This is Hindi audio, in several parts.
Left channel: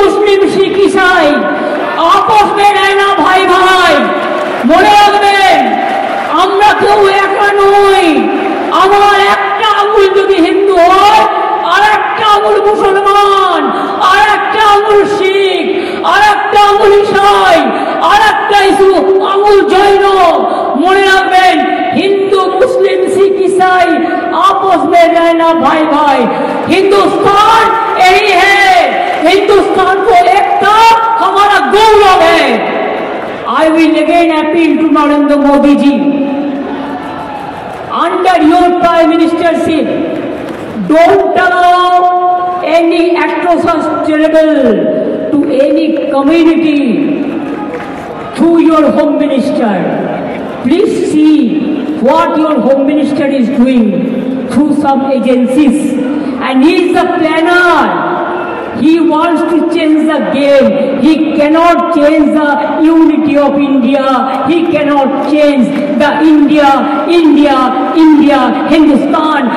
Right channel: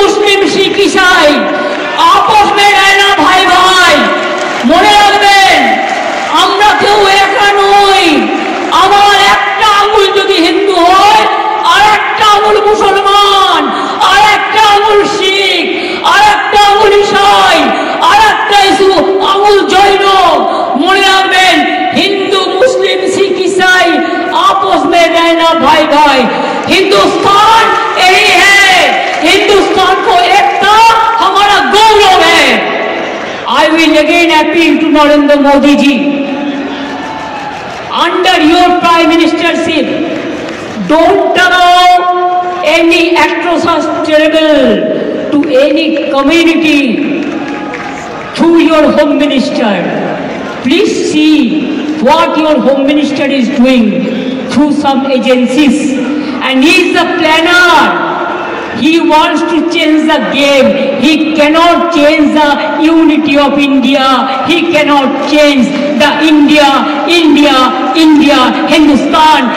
मुस्लिम सिख ईसाई आपस में रहना भाई भाई মনে রাখবেন আমরা কেউ একা নই আমার একটা আঙুল যদি হিন্দু হয় আর একটা আঙুল মুসলমান আর একটা আঙুল শিখ আর একটা আঙুল ইসাই আর একটা আঙুল জৈন মনে রাখবেন हिंदू मुस्लिम सिख ईसाई आपस में रहना भाई भाई हिंदुस्तान यही है हिंदुस्तान को एकता हमारा गौरव है I will again appeal to Narendra Modi ji under your prime ministership don't allow any atrocious terrible to any community through your home minister please see what your home minister is doing through some agencies and he is the planner he wants to change the game he cannot change the unity of India he cannot change the India Hindustan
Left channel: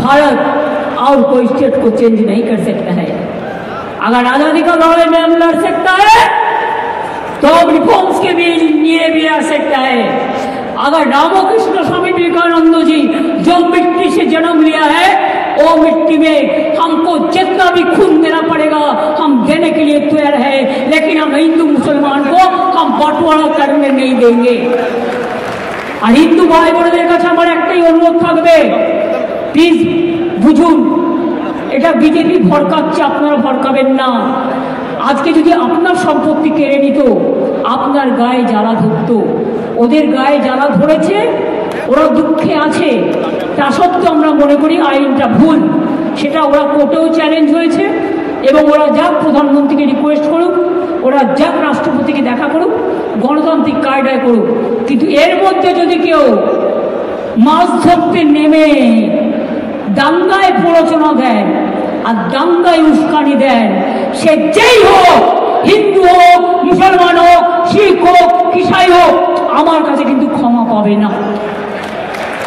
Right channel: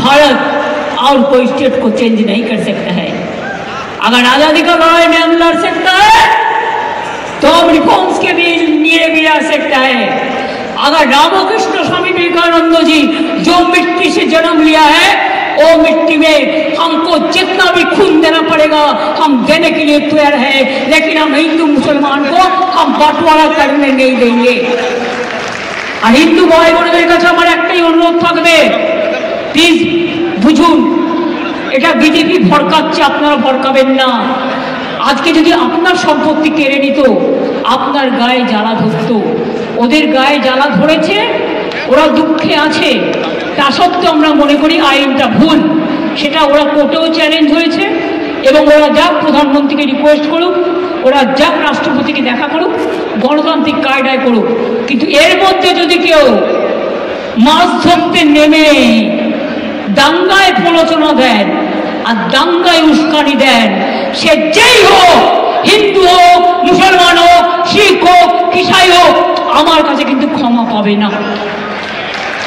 Bharat और कोई स्टेट को चेंज नहीं कर सकता है अगर आजादी का लड़ाई में लड़ सकता है तो अब रिफॉर्म्स के लिए भी आ सकता है अगर रामकृष्ण स्वामी विवेकानंद जी जो मिट्टी से जन्म लिया है वो मिट्टी में हमको जितना भी खून देना पड़ेगा हम देने के लिए तैयार है लेकिन हम हिंदू मुसलमान को हम बंटवारा करने नहीं देंगे और हिंदू भाई बोनদের কাছে আমার একটাই অনুরোধ থাকবে প্লিজ বুঝুন এটা বিজেপি ভড়কাচ্ছে আপনারা ভড়কাবেন না আজকে যদি আপনার সম্পত্তি কেড়ে নিত আপনার গায়ে জ্বালা ধরতো ওদের গায়ে জ্বালা ধরেছে ওরা দুঃখে আছে তা সত্ত্বেও আমরা মনে করি আইনটা ভুল সেটা ওরা কোর্টেও চ্যালেঞ্জ হয়েছে এবং ওরা যাক প্রধানমন্ত্রীকে রিকোয়েস্ট করুক ওরা যাক রাষ্ট্রপতিকে দেখা করুক গণতান্ত্রিক কায়দায় করুক কিন্তু এর মধ্যে যদি কেউ মাছ ধরতে নেমে দাঙ্গায় প্ররোচনা দেন আর দাঙ্গায় উস্কানি দেন সে যেই হোক হিন্দু হোক মুসলমান হোক শিখ হোক ইসাই হোক আমার কাছে কিন্তু ক্ষমা পাবে না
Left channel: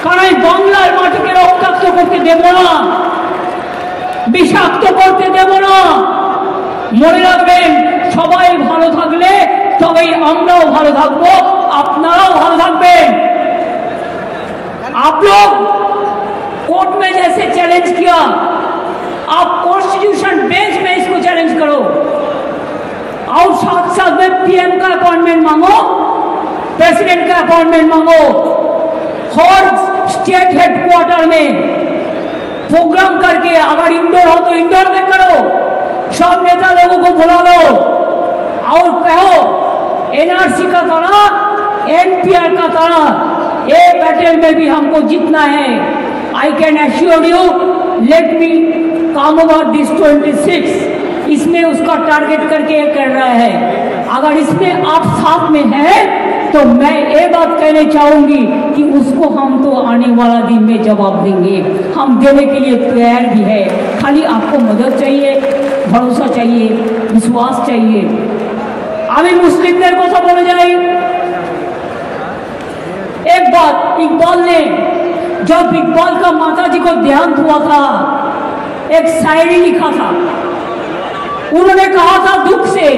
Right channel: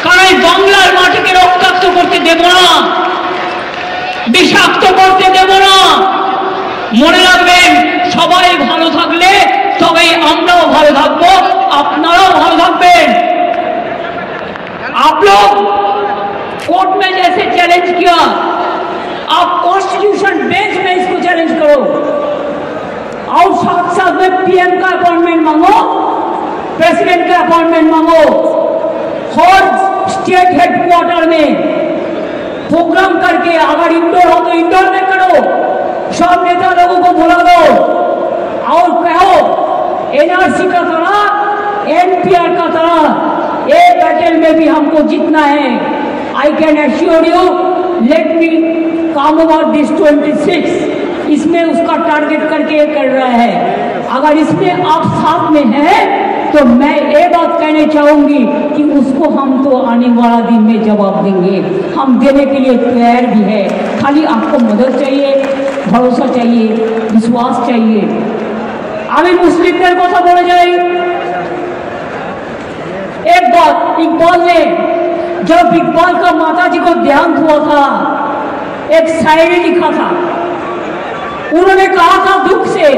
কারণ বাংলার মাটিকে রক্তাক্ত করতে দেব না বিষাক্ত করতে দেব না মনে রাখবেন সবাই ভালো থাকলে তবেই আমরাও ভালো থাকবো আপনারাও ভালো থাকবেন आप लोग कोर्ट में जैसे चैलेंज किया आप कॉन्स्टिट्यूशन बेंच में इसको चैलेंज करो और साथ साथ में पीएम का अपॉइंटमेंट मांगो प्रेसिडेंट का अपॉइंटमेंट मांगो हर स्टेट हेडक्वार्टर में प्रोग्राम करके अगर इंडोर हो तो इंडोर में करो सब नेता लोगों को बुला लो और कहो एनआरसी का तरह एनपीआर का तरह ये बैटल में भी हमको जीतना है I can assure you let me काम अबाउट दिस 26 इसमें उसका टारगेट करके ये कर रहा है अगर इसमें आप साथ में हैं तो मैं ये बात कहना चाहूंगी कि उसको हम तो आने वाला दिन में जवाब देंगे हम देने के लिए तैयार भी है खाली आपको मदद चाहिए भरोसा चाहिए विश्वास चाहिए अभी मुस्लिमদের কথা বলে যাই एक बात इकबाल ने जब इकबाल का माता जी को देहांत हुआ था एक शायरी लिखा था उन्होंने कहा था दुख से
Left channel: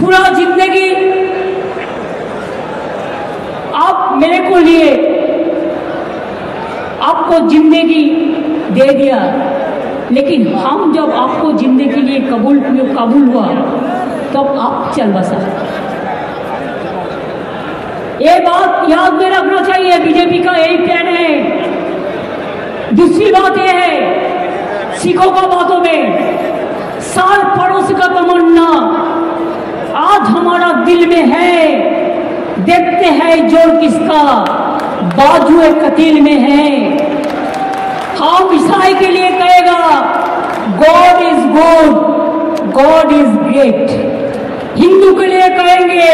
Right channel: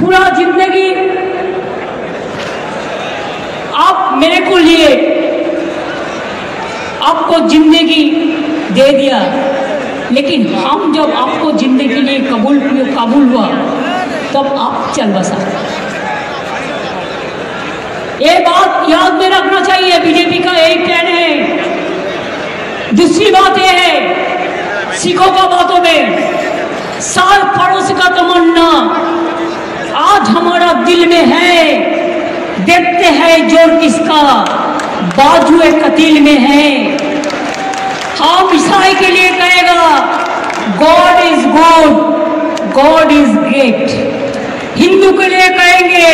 पूरा जिंदगी आप मेरे को लिए आपको जिंदगी दे दिया लेकिन हम जब आपको जिंदगी के लिए काबुल हुआ तब आप चल बसा ये बात याद में रखना चाहिए बीजेपी का यही प्लान है दूसरी बात यह है सिखों का बातों में सार पड़ोस का तमन्ना आज हमारा दिल में है देखते हैं जोर किसका बाजुए कतील में है हम ईसाई के लिए कहेगा God is good God is great Hindu के लिए कहेंगे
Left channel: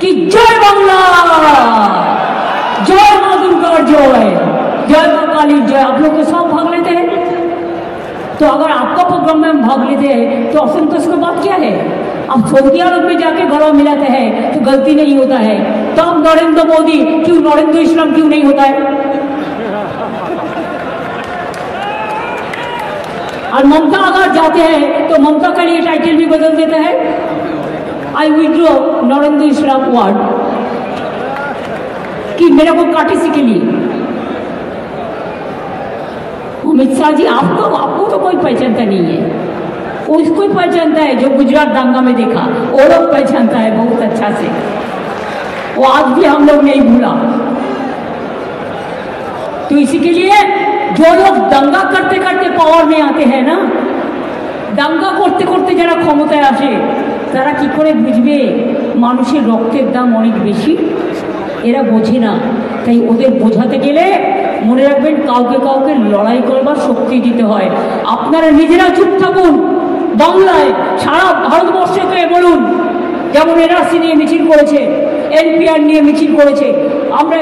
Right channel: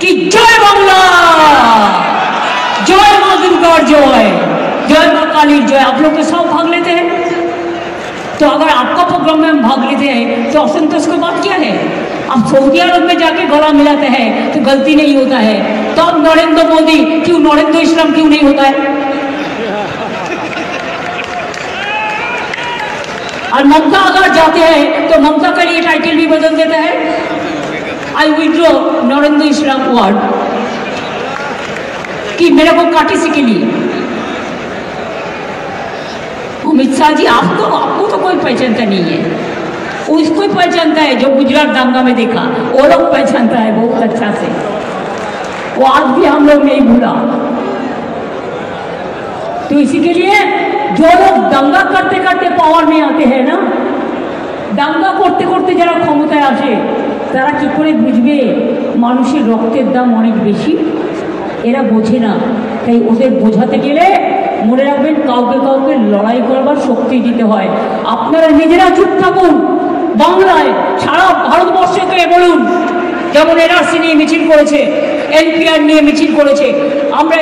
कि जय बांग्ला जय मां दुर्गा जय मां काली जय आप लोग तो सब भाग लेते हैं तो अगर आपका प्रोग्राम में हम भाग लेते हैं तो असंतोष की बात क्या है अब सऊदी अरब में जाके गला मिलाते हैं तो गलती नहीं होता है तो अब नरेंद्र मोदी क्यों नरेंद्र इस्लाम क्यों नहीं होता है और ममता अगर जाते हैं तो ममता का लिए टाइटल भी बदल देता है। आई विड्रॉ नरेंद्र इस्लाम वर्ड कि मेरे को काटिसी के लिए। अमित शाह जी आपको तो कोई पहचानता नहीं है, उसको ही पहचानता है जो गुजरात दंगा में देखा, वो लोग पहचानता है बहुत अच्छा से, वो आज भी हम लोग नहीं भूला। तो इसी के लिए जो लोग दंगा करते करते पावर में आते हैं ना, दंगा করতে করতে যারা ক্ষমতায় আসে তারা কি করে বুঝবে মানুষের রক্তের দাম অনেক বেশি? এরা বোঝে না। তাই ওদের বোঝাতে গেলে মনে রাখবেন কাউকে কাউকে লড়াই করবার শক্তি দিতে হয়। আপনারা নিজেরা চুপ থাকুন, বাংলায় সারা ভারতবর্ষকে বলুন, যেমন এনআরসি নিয়ে মিছিল করেছে, এনপিআর নিয়ে মিছিল করেছে, আমরা